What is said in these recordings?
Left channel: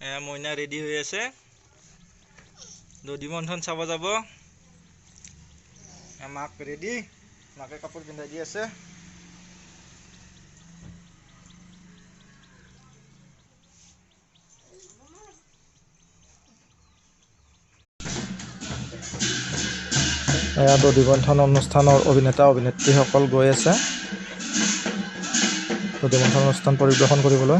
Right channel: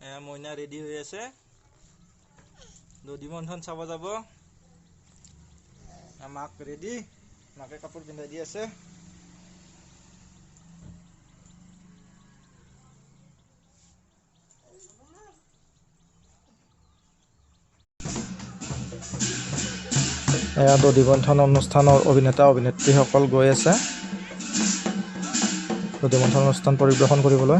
মইনা ready হৈ আছে দধি মন্থন চাব যাব মাক ৰেডি মাকে কাপোৰ পিন্ধাই দি আছে এয়া দধি মন্থন অনুষ্ঠানৰ অভিনেতা অভিনেত্ৰীসকল গৈ আছে দধি মন্থন অনুষ্ঠান পৰিৱেশন কৰিবলৈ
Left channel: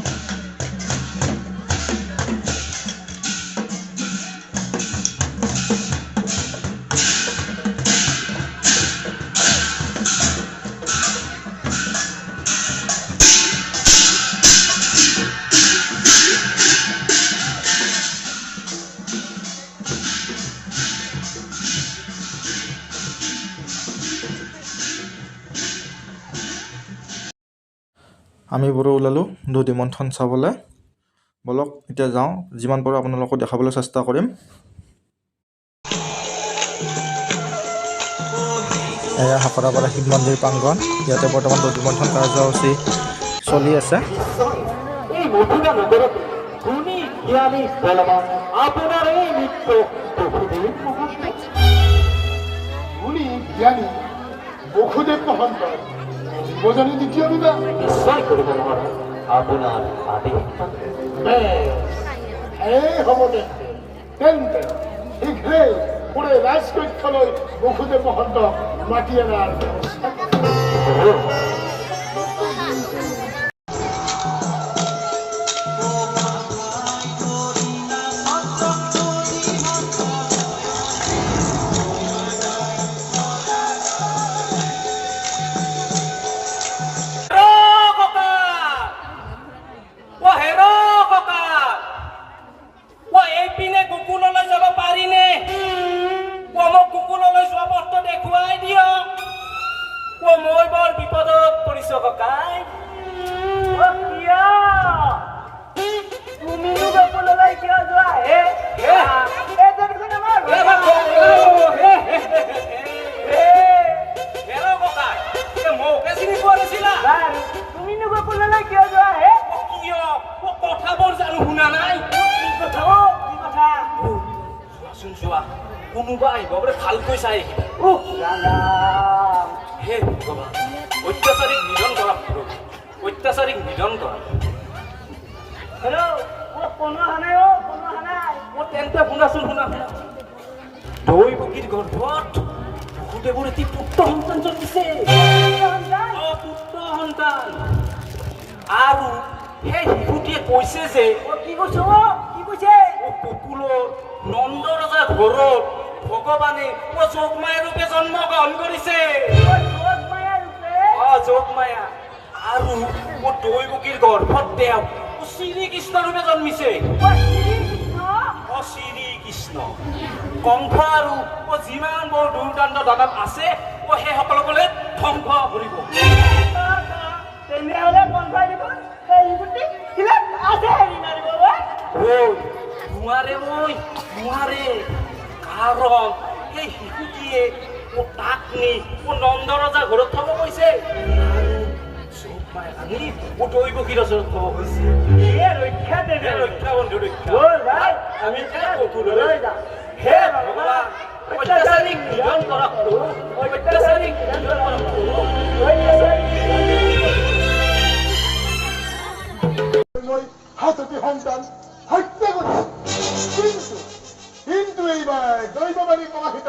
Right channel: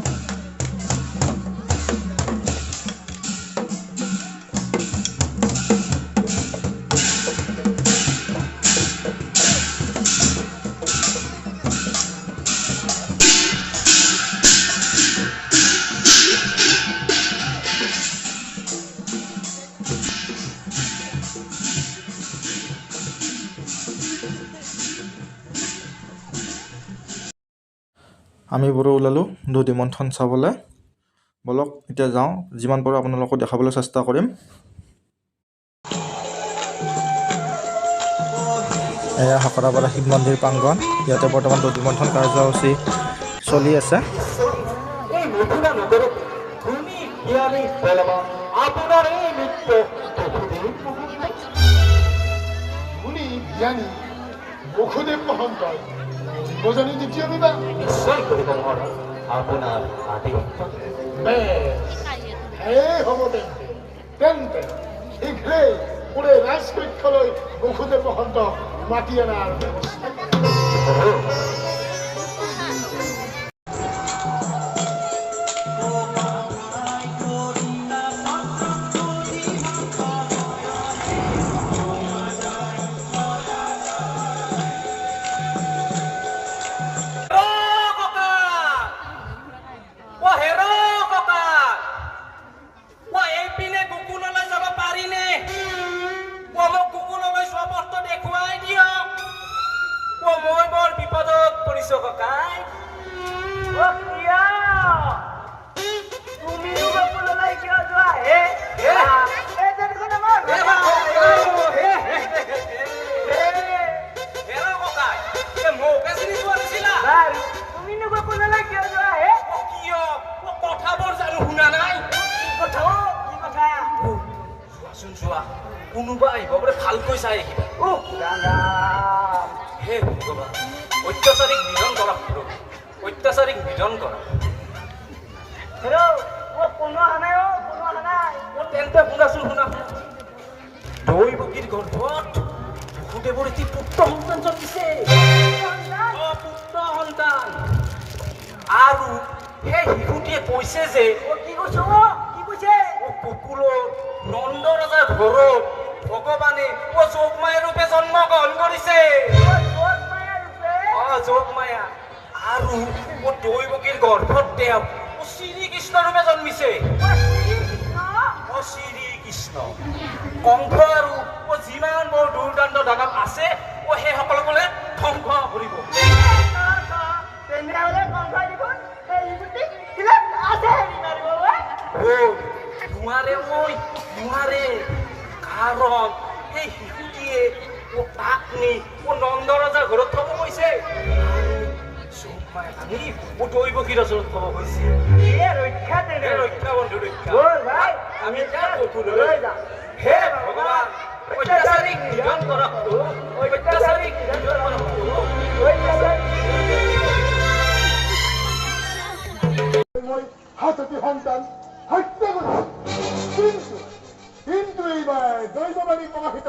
আমি বোৰো ওলালোঁ দধি মন্থন চাবলৈ বলক এতিয়া যাওঁ যিমান পাৰোঁ আপোনালোকক দেখাবলৈ চেষ্টা কৰিম এয়া হকৰাপাৰা শিৱ মন্দিৰ প্ৰাংগণ ইয়াতে বৰ্তমান দধি মন্থন কাৰ্যসূচী চলি আছে বোঝানি দ্বিতীয় বিবাহ নিশ্চয় কৰিব নোৱাৰা আপোনাৰ হ'ব তেন্তে শীঘ্ৰেই পুৰে ৰাজকক্ষলৈ বসুদেৱ মহন্তক মাতি অনাৰ ব্যৱস্থা কোনোবা আহিব বোলে ভালকৈ চাই হে ভগৱান অত্যাচাৰীক নিধন কৰা অত্যাচাৰীক নিধন কৰা তেন্তে শুনাচোন শুনা দৈ বগীৰ গৰ্ভত বসুদেৱৰ এটি পুত্ৰ সন্তান জন্মিছে পুত্ৰ সন্তান আৰু সেই শিশুটিয়ে কৈছে যে কি কৈছে কুকুলৰ নন্দ ৰজাৰ ঘৰত ভগৱানে যোগমায়া ৰূপে জন্মগ্ৰহণ কৰিছে যোগমায়া আৰু দৈৱকীৰ গৰ্ভত তেওঁ শ্ৰীকৃষ্ণ ৰূপে জন্মিছে শ্ৰীকৃষ্ণ কংস আৰু যিমান বৰ দুৰ্দান্ত দানৱ আছে সেই সকলোকে ধ্বংস কৰিব তেনেহলে কংসই দিব সেই আছে নোৱাৰে কাৰণ এই শিশুটিয়ে তাক নি নন্দ ৰজাৰ ঘৰত থব কৈছে দৈৱকীৰ ওচৰত থব কৈছে ৰক্ষা বন্ধু আমি হে ভগৱান অত্যাচাৰীক নিধন কৰক অত্যাচাৰীক হাততি সন্তান হত্যা কৰিছে কিন্তু এইবাৰ দৈৱবাণী প্ৰকাশিত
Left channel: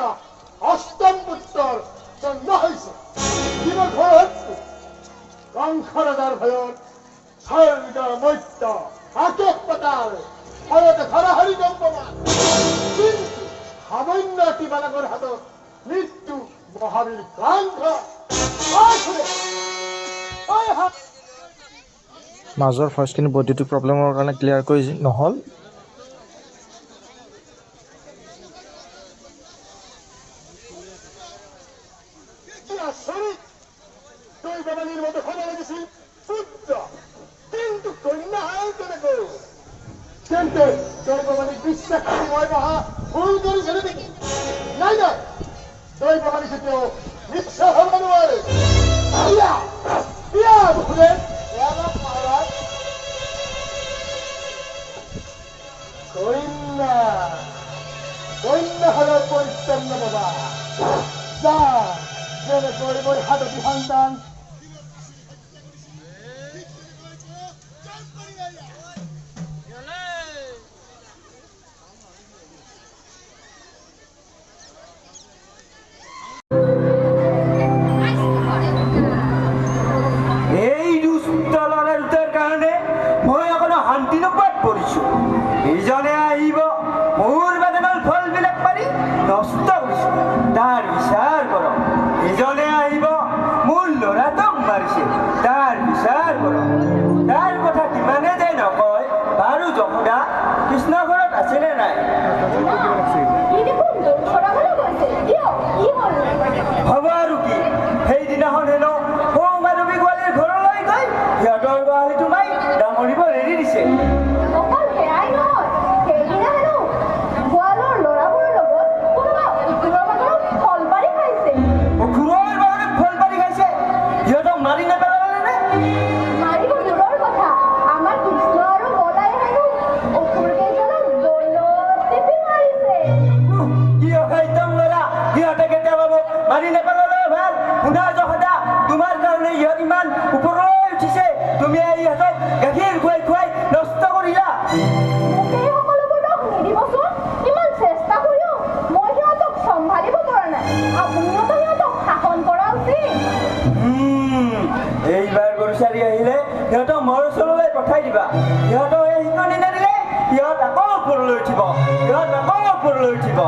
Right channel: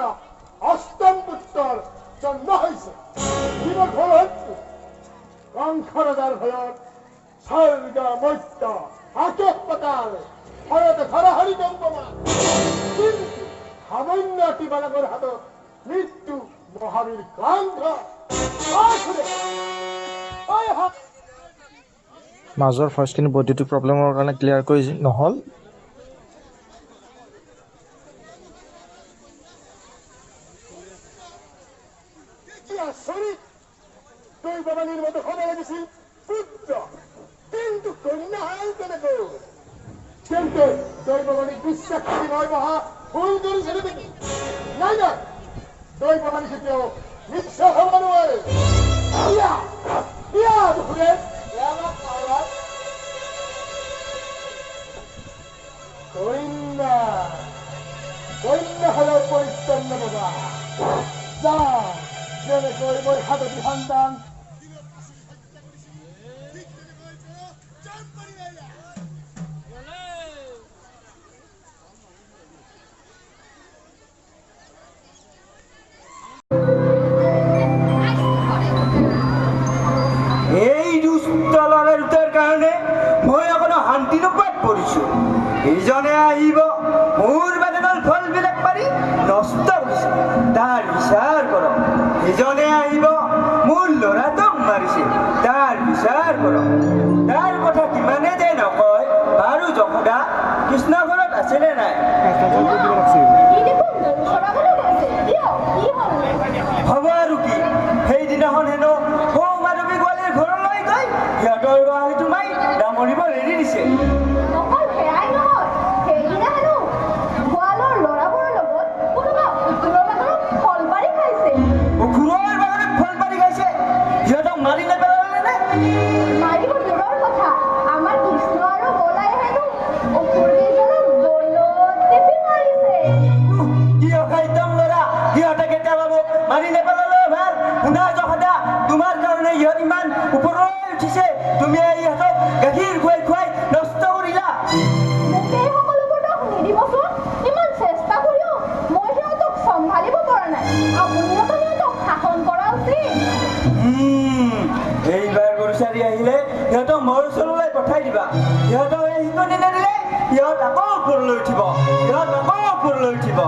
অষ্টম পুত্ৰৰ জন্ম হৈছে কিমান ঘৰ হৈছে কংস ৰজাৰ ভয়ত স্বৰ্গ মৰ্ত্য আকাশ পাতাল ভয়তে ধৰাহাৰি দম্পমান কিন্তু সামান্য এটি বালকৰ হাতত মৃত্যু মহাবীৰ ক্ৰান্ত মাজৰ ভইচখিনি বৈদ্যুতিক প্ৰব্লেমৰ কাৰণে ক্লিয়াৰকৈ নহ'ল দৈৱবাণীৰ মতে হ'ব লাগিছিল পুত্ৰ কিন্তু কন্যা হ'ল কেনেকৈ তেন্তে দৈৱবাণীক বিশ্বাস কৰি মই মহা ভুল কৰিছে নেকি নাই নাই দৈৱবাণী কেতিয়াও নিশ্চয় হ'ব নোৱাৰে কন্যা কন্যা হলো পৰিচ্ছন্ন বাবা যা যেনে কৰে মই হাততি সন্তান এই দুষ্ট ল'ৰাটোৰ কাৰণে মই অকণো শান্তি নোপোৱাত পৰিছোঁ। ইজনে আহিব মোৰ বাগানৰ ফলবিলাক পাৰি নষ্ট কৰিছোঁ, তাৰ বিচাৰ কৰক। ইজনে আহিব মোৰ ল'ৰাটোক মাৰিছে, তাৰ বিচাৰ কৰক। তাৰ কথা কিমানে যে নকয় বাৰু যশোদা কৃষ্ণ ঘৰত আছেনে নাই? হ'ব আৰু কি, সেইদিনাখন হেনো সৌ মাধৱী গোৱালীৰ ঘৰলৈ গৈ সিহঁতৰ গোৱালীটো মাই ডামৰিব এৰি দিছে। অকল সেয়াই নহয়, সেইদিনা হেনো গোৱালৰ ল'ৰাবোৰৰ লগত কোনোবা উকিলৰ বাগানত ফল পাৰি খাইছে। ঘূৰৰ বাগানত ফল পাৰি খাইছে, সিহঁতক মাৰি নেপেলালে নে? মাৰিব দূৰৰ কথা, আমাৰ কৃষ্ণ আৰু বলাই হেনো অসুৰ কেইজনক দলত টিপি মাৰিছে। কি অসাধ্য ল'ৰা, সিহঁতে কেতিয়া পাব? মাৰি নেপেলালেও ভাল। শুনা যশোদা, তোমাৰ কাৰণে ইহঁত ইমান ওপৰলৈ উঠিছে, তুমি ইহঁতক গাখীৰ খুৱাই খুৱাই নষ্ট কৰিলা। মোক এই সকলোবোৰ দোষ নিদিবচোন, ইমান চেষ্টা কৰিও মই সিহঁতক চম্ভালিব পৰা নাই। আপুনিওতো সিহঁতক শাসন কৰা উচিত। এইবাৰ গৰুচাৰী আহিলে সিহঁতক মোৰ ওচৰলৈ পঠাই দিবা। সিহঁতক এই শিকনি নিদিলে সিহঁত আকৌ ওপৰলৈ উঠিব, সিহঁত আকৌ ওপৰলৈ উঠিব।